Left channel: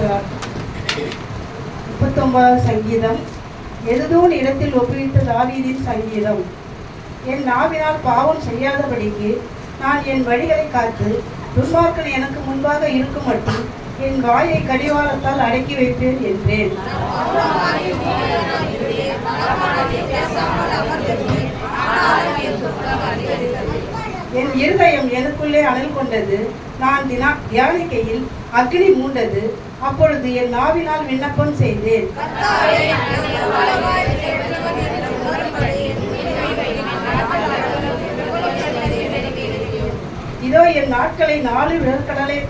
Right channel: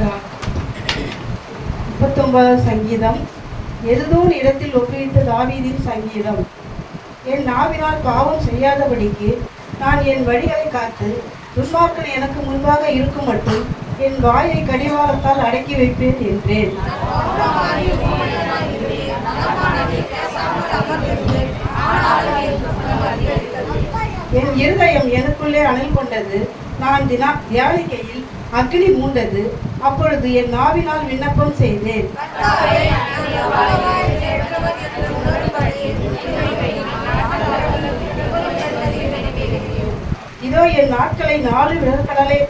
இருக்கிறார் முப்பத்தொன்பதாவது சங்கீதம் எதுதோன் இடத்தில் ஒப்புவித்த தாவீதின் சங்கீதம்? என் நாவினால் பாவம் செய்யாதபடிக்கு நான் என் வழிகளை காத்து துன்மார்க்கன் எனக்கு முன்பாக இருக்கும் மட்டும் என் வாயை கடிவாளத்தால் அடக்கி வைப்பேன் என்றேன். என் இருதயம் எனக்குள்ளே அனல் கொண்டது. நான் தினா தியானிக்கையில் அக்னி மூண்டது. அப்பொழுது என் நாவினால் விண்ணப்பம் செய்தேன். இதோ என் நாட்களை நாலு விரற்கடலை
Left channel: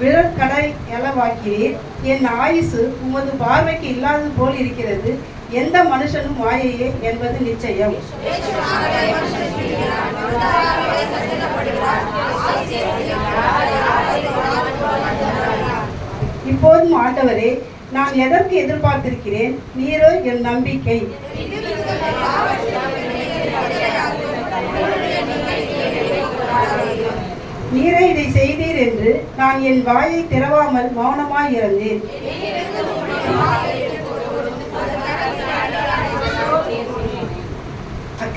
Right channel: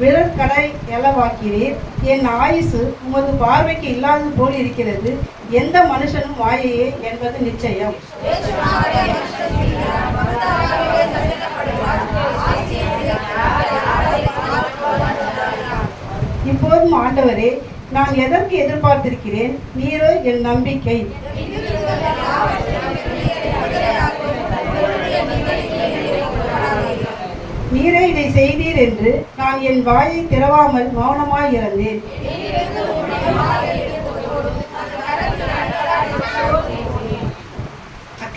விரற்கடை எளவாக்கிறீர் என் ஆயுசு உமது பார்வைக்கு இல்லாதது போல் இருக்கிறது. எந்த மனுஷனும் வாயையே என்பது நிச்சயம். இப்போதும் ஆண்டவரே நான் எதற்கு எதிர்பார்த்திருக்கிறேன்? நீரோ என் நம்பிக்கை. நீரே இதை செய்தீர் என்று நான் என் வாயை திறவாமல் மௌனமாயிருந்தேன்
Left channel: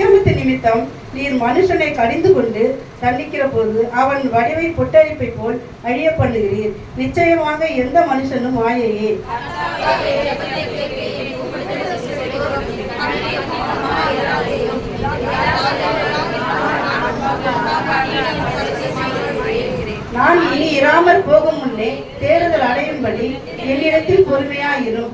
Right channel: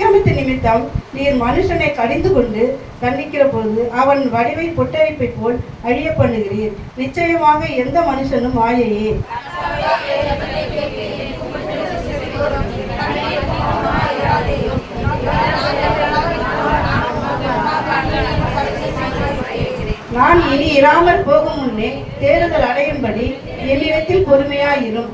அக்கிரமத்து நிமித்தம் நீர் மனுஷனை கடிந்து கொண்டு தண்டிக்கிற போது அவன் வடிவை பொட்டரிப்பை போல் அழிய பண்ணுகிறீர். நிச்சயமாக எந்த மனுஷனும் மாயையே. நான் இனி இராமற் போகும் முன்னே தேறுதல் அடையும்படி என்னிடத்தில் பொறுமையாயிரும்.